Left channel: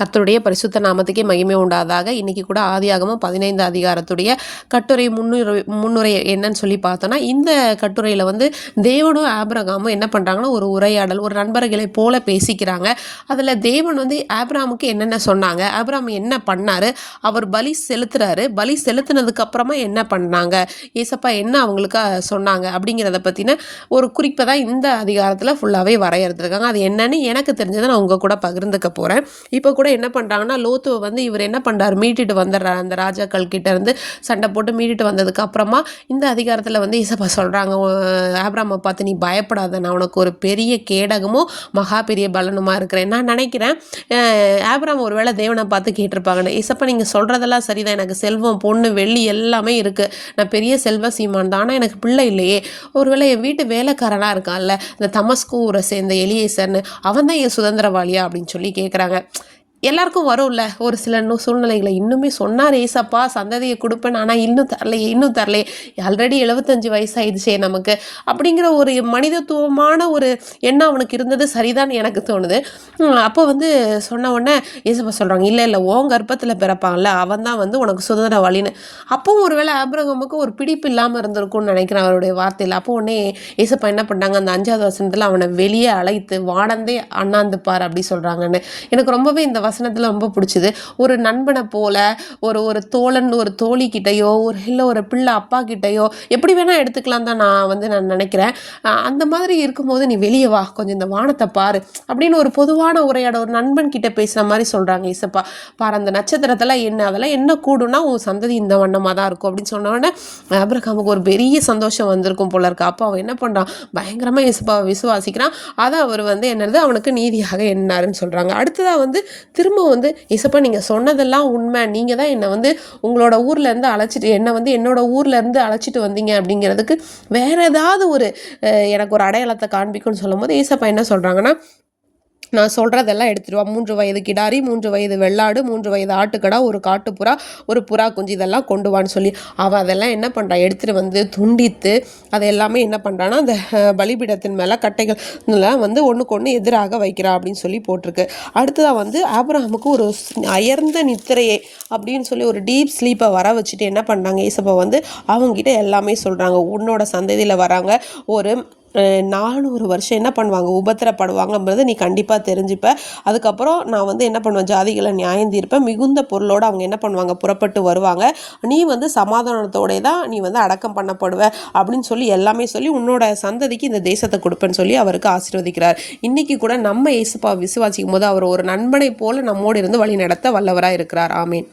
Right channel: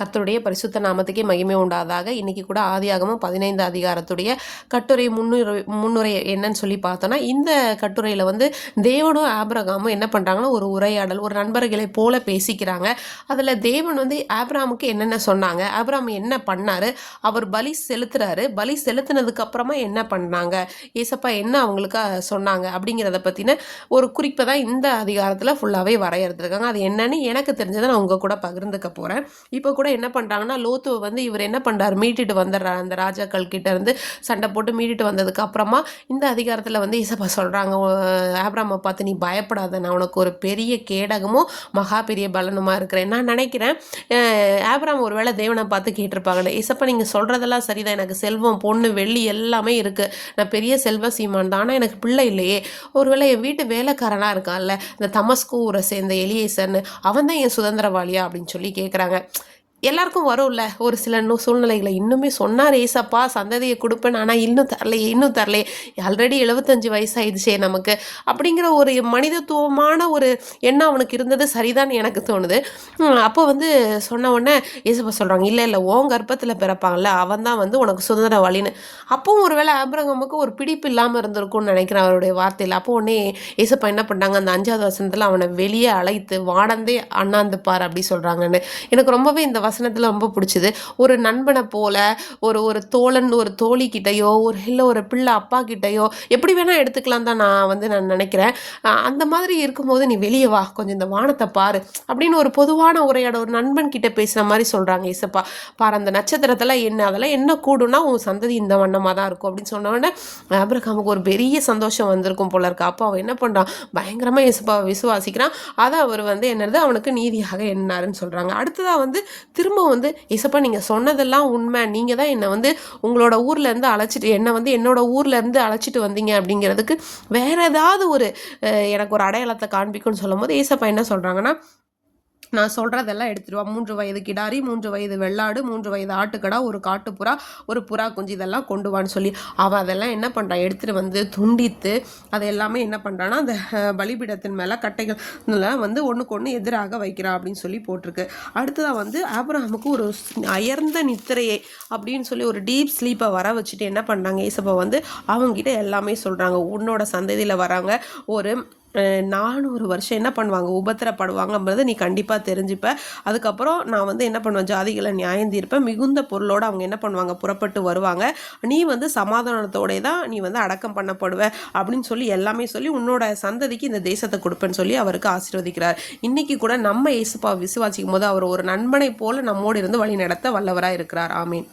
கர்த்தருடைய பரிசுத்த நாமத்துக்கே மகிமை உண்டாதாக. இன்னைக்கு கூட ஆதியாகமம் 15 அதிகாரத்துடைய கட்டுரை முன்னுரை என்னன்னு சொல்லி பார்த்தோன்னா, இந்த கட்டுரையில் வந்து தேவனும் ஆபிரகாமும் என்ன பண்ணுறாங்கன்னா, ஒரு உரையாடல், ஒரு நண்பர்களை போல பேசிக்கிறாங்க. அதில் தேவன் வந்து ஆபிரகாமுக்கு என்னென்ன சொன்னாங்க, ஆபிரகாம் என்ன பண்ணார், அவர் பலி செலுத்துறாரு, பலி செலுத்தினதுக்கு அப்புறமா என்ன பண்ணாங்க, ஏசப்பா என்ன அவங்களுக்கு சொன்னாங்க அப்படிங்கிறத பற்றின ஒரு குறிப்பை தான் இந்த அதிகாரத்தில் ஃபுல்லாகவே வரையறுத்துருக்காங்க. அது என்னன்னு எனக்கு தெரிஞ்சதை நான் உங்கள் கூட பகிர்ந்துக்க போகிறேன். இப்போ கூட என்ன பண்ணுறாங்கன்னா, லோத்துவை வந்து இவர் என்ன பண்ணுறாரு, மீட்டிட்டு வந்துடுறாரு. அந்த ராஜாக்கள் கிட்ட இருந்து சண்டை போட்டு மீட்டிட்டு வந்ததுக்கு அப்புறமா இந்த அதிகாரத்தில் வந்து இசப்பா சொல்கிறாங்க, ஆபிரகாமை பார்த்து நீ பயப்படாத, நான் உனக்கு ஒரு பெரிய கேடகமும் மகா பெரிய பலனுமா இருக்கிறேன். நான் நினைக்கிறேன் ஆபிரகாம் ஒருவேளை தேவனை பார்த்து கேட்டிருப்பாங்கன்னு, இசப்பா நீங்கள் சொல்கிறதெல்லாம் சரிதான், எனக்கு செல்வம் பொண்ணு வெள்ளி எல்லாமே இருக்குது, நான் பெரிய செல்வ சீமான் தான், ஆனால் எனக்கு பிள்ளை இல்லையே, ஒருவேளை என் வீட்டு வேலைக்காரனாக இருக்கான்ல இந்த தமஸ்கு ஊரை சேர்ந்த எலியேசர்னு, அவன் தான் என் சுதந்திரவாளியா அப்படின்னு சொல்லி கேட்குறாங்க. எல்லாருக்கும் வரும்ல ஒரு சில சூழ்நிலைகளை. இன்னுமே சொன்னார் ஏசப்பா சந்ததியை கொடுப்பேன், ஆனால் இன்னும் தரலையே, ஆல்ரெடி 75 வயசாயிடுச்சே நமக்கு அப்படிங்கிற ஒரு மனிதத்துவமான ஒரு எண்ணம் அவனுக்கு இருந்தது. சரிதான் எனக்கு தோணுது. அப்போ வந்து சொன்ன உடனே ஏசப்பா சொல்கிறாங்க, இல்லை உன் கர்ப்பத்தில் பிறப்பாங்கல்ல அவன் தான் வந்து உனக்கு சுதந்திரவாளின்னு. அப்போவும் ஒரு வேளை ஆபிரகாமுக்கு ஒரு பிடிப்பு இல்லாமல் இருந்திருக்கும்னு நினைக்கிறேன் அவருடைய வார்த்தையில். அப்போ உடனே ஏசப்பா என்ன பண்ணாங்க, அந்த 5வது வசனத்தில் அவனை வெளியே அழைத்து வாடந்தே அண்ணாந்துப்பார் அப்படி சொல்கிறாங்கன்னு. எனக்கு ரொம்பவே இந்த வசனத்தில் ரொம்ப பிடிச்சது. ஒரு நண்பனை போல ஒரு தோழன் ஒரு தோழி கிட்டையோ இல்லை ஒரு பிள்ளை அப்பா கிட்டையோ எப்படி வேணால் எடுத்துக்கலாம் தான் நான் நினைக்கிறேன். அந்த மாதிரி இருக்கும்போது நீ வெளியே வா, கொஞ்சம் இந்த வானத்தை பாரு அப்படின்னு ஒரு பொதுவான உரையாட ஒரு நண்பன் கிட்ட பேசுகிற மாதிரி சொல்கிறாங்க ஏசப்பா. பாரு அந்த நட்சத்திரத்தில் அதெல்லாம் என்ன கூடும்னா உன் சந்ததி இந்த வண்ணமாக தான் இருக்கும் அப்படின்னு சொன்னோடனே ஆபிரகாமுக்கு ஒரு பெரிய சந்தோஷம் வந்திருக்கும் போல இருக்கு. அப்போ அவன் என்ன பண்ணுறான், பயங்கரமாக ஏசப்பாவை விசுவாசிக்கிறான். அதை அவர் வந்து என்னது அவனுக்கு நீதியாக என்னாருன்னு சொல்கிறாங்க. அடுத்ததாக வந்து திரும்ப வந்து ஏசப்பா நீங்கள் சொன்னதெல்லாம் உண்மை, நீங்கள் தான் என்னை வந்து உங்களோட ஊர்லேருந்து என்னோட ஊர்லேருந்து அழைச்சிட்டு வந்தீங்க அப்படிங்கிறதுக்கு வேறு ஏதாவது ஒரு எனக்கு ஒரு அடையாளத்தை காண்பிக்கும்னு சொல்லும் போது ஏசப்பா என்ன சொல்கிறாங்கன்னா, நான் சொல்கிறதெல்லாம் எடுத்துடுவா, 3 வயது கிடாரி, 3 வயது வெள்ளாடு, 3 வயது ஆட்டுக்கடா, ஒரு காட்டுப்புறா, ஒரு புறா குஞ்சு, இதெல்லாம் கொண்டு வான்னு சொல்லி அவள் அதெல்லாம் என்ன பண்ணுறான் எடுத்துகிட்டு வந்து துண்டித்து அதை எல்லாமே என்ன பண்ணுறான்னா அந்த பலிபீடத்தின் மேலே கட்டைகள் வந்து ஒன்றுக்கு ஒன்று எதிராக வைக்கிறான் அப்படின்னு சொல்லி போட்டிருக்கு. அடுத்ததாக வந்து ஆபிரகாமுக்கு ஒரு அயர்ந்த நித்திரையை அப்படின்னு சொல்லி ஒரு டீப் ஸ்லீப்பை வர வச்சுட்டு என்ன பண்ணுறாங்க ஏசப்பா வந்து அவங்ககிட்ட எல்லாமே சொல்கிறாங்க. உன்னோட சந்ததியில் வராங்க ஒரு 400 வருஷம் என்ன பண்ணுவாங்க, உபத்திரப்படுவாங்கன்றது நீ கண்டிப்பாக தெரிஞ்சுப்ப. அதுக்கப்புறம் நான் வந்து என்ன பண்ணுவேன், ஜாதிகளை நியாயம் தீர்ப்பேன், மிகுந்த பொருளோடு அவங்க என்ன பண்ணுவாங்க புறப்பட்டு வருவாங்க, நீ வந்து சமாதானத்தோட தான் நீ வந்து அடக்கம் பண்ணப்படுவ அப்படின்னு சொல்லி எல்லாமே சொல்லி உன்னோட சந்ததிக்கு இந்த தேசத்தை கொடுப்பேன்னு சொல்லி அவருக்கு ஆசீர்வதிக்கிறார். இன்னைக்கு கூட நம்ம இயேசுப்பா விசுவாசிக்கும் போது அவர் ஒரு நண்பனை போல நம்மோடு இருந்து வழி நடத்த வல்லவராக இருக்கிறார். ஆமீன்.